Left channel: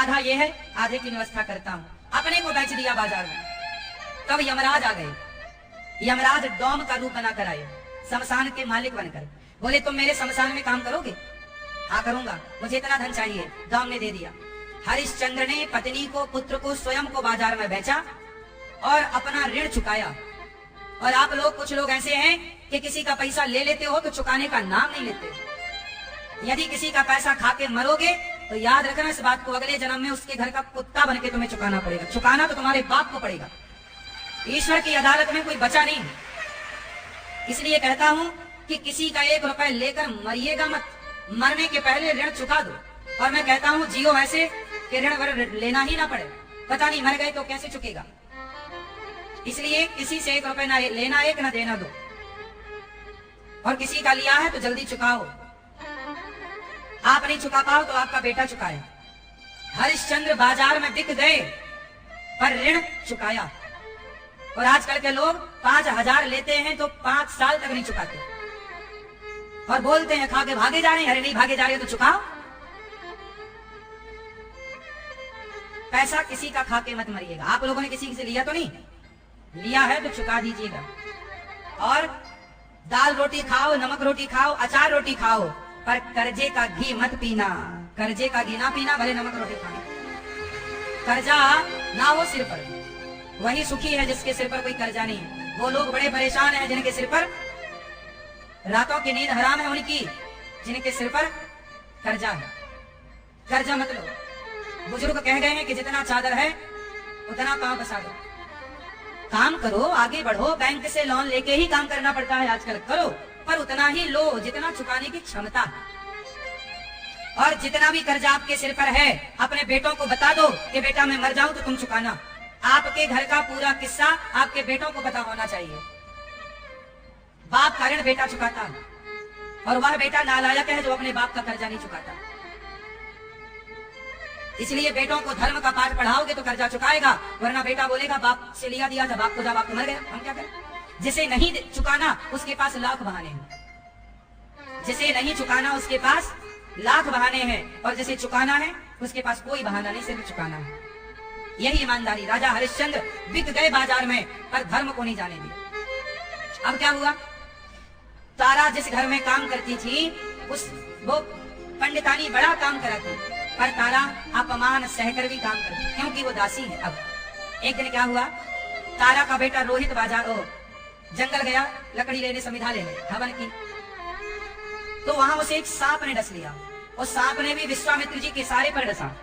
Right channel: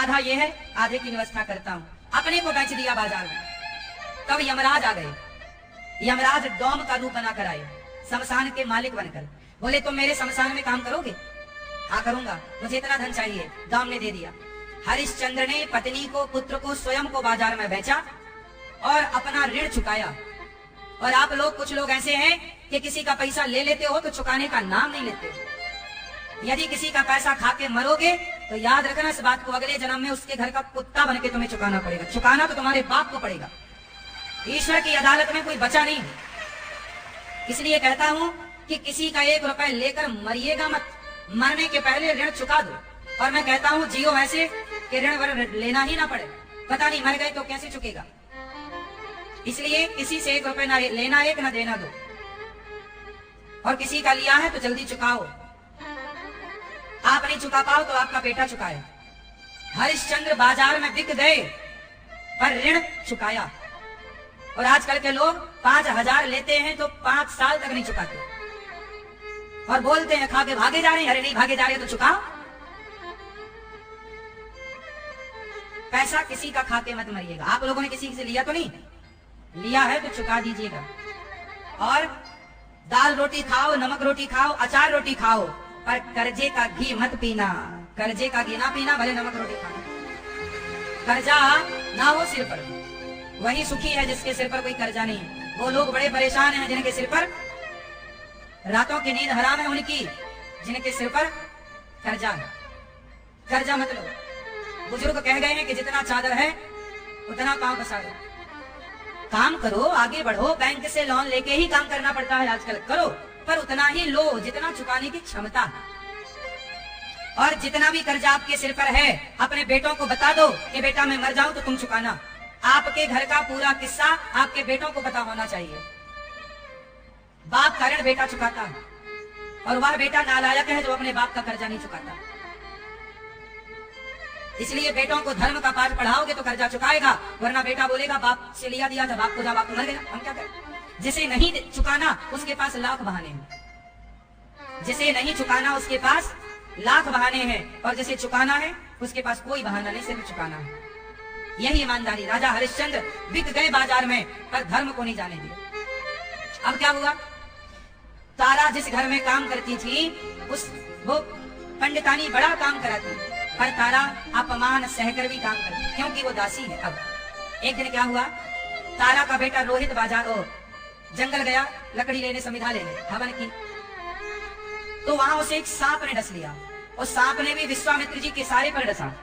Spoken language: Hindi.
आधा ये है, आधे की व्यवस्था करता हूँ। अपने को बेच दिया बाजार में। तब यमराज आ गए। यमराज डोम का रूप बना कर आए, शमशान के मालिक बनकर। बोले तुम मेरे शमशान में काम करोगे? हाँ करूंगा, मुझे इतना धन चाहिए। डोम ने दे दिया। हरिश्चंद्र ने पत्नी को, पुत्र को, स्वयं को बाजार में बेचा और अपना ऋण चुकाया। और आप लोग, कुछ लोग ऐसे हैं कि किसी का पैसा ले लेते हो तो चुकाने का नाम नहीं लेते। यदि किसी का पैसा खा के मरोगे तो याद रखना इस बात को, अगले जन्म में उसके घर का कुत्ता बन के तुम्हें चुकाना पड़ेगा। चुकाना तो तुम्हारे बाप को पड़ेगा। ईश्वर की अदालत में कोई बचा नहीं। इसलिए कहता हूं कि किसी का 1 रुपए लेकर मरिएगा मत, मरने के पहले ऋण चुका दो। और मैं कहता हूं जियो ऐसे कि ऋण लेना ही ना पड़े। पता नहीं मर गए तो कैसे चुकेगा। इसलिए किसी से 1 रुपए ना लेना, 1 ना देना 2। और किसी का लिया है तो जल्दी चुकाओ। आप नहीं चुका पाओ तो आपका बेटा चुकाए। हरिश्चंद्र बाजार में बिक गए पर ऋण चुकाया। और आजकल के लोग 5000 लेते हैं तो 5 साल तक नहीं चुकाते और बोलते हैं खा के भागे जा रहे हैं। अरे नहीं भागे जा रहे तो चुकाओ। पैसा किसी का खा के मत मरिएगा। आप लोगों ने किसी से लिया तो नहीं? लिया है तो चुका दीजिएगा। और दाल रोटी खाओ, नमक रोटी खाओ, अचार रोटी खाओ, पर कर्जे का घी मत पीना। कर्जे का घी ना पीना, भले नमक रोटी खाना। कर्जा ना हो सिर पर, वही सुखी है जिसके सिर पर कोई कर्जा नहीं है। वो लोग बड़े परेशान हैं जिनके सिर पर रातों की नींद हराम है, उनकी जिनके सिर पर कर्जा है। कर्जा मतलब बुजुर्ग कह गए हैं कि जितना चादर है उतना पांव पसा दो। काम करो, आगे बढ़ो। बैंक से लोन लेके ही काम करना पड़ता है आजकल। करो, पर उतना ही लो जितना चुकाने की क्षमता है। और जितना भी कर्जा आपके सिर पर है, अपने बेटों को बता दो कि बेटा मैं मर जाऊं तो तुम चुकाना। आपके घर का पूरा किस्सा आपके बेटों को पता होना चाहिए। बाप का ऋण बेटा चुकाता है और वह बेटा नालायक है जो अपने बाप का कर्जा नहीं चुकाता। इसलिए बेटों को धर्म का पाठ पढ़ाओगे तो कर्जा चुकाएगा, वरना बेटा बोलेगा बाप से लिया दिया था, बाप को जा, बाप तो मर गया, हम क्या करें। जिसे नहीं चुकाना उसके पास लाख बहाने हैं। जिसे नहीं चुकाना उसके पास लाख बहाने हैं, और जिसे चुकाना है उसके पास कोई बहाना नहीं, सिर्फ चुकाना है। यही ईमानदारी। राजा हरिश्चंद्र बिक गए बाजार में पर धर्म को नहीं जाने दिया। अब क्या हुआ? तारा जिस घर में काम करती थी वो पंडितानी बड़ा काम कराती, पर तारा अपमान सहकर भी काम करती क्योंकि वो दासी है। अब एक दिन क्या हुआ? तारा का बेटा रोहित जंगल गया लकड़ी लेने, समिधा लेने, हवन की। तो वहां उसे एक सांप ने डस लिया और सांप ने भी विश्वामित्र जी के सारे पर डसा।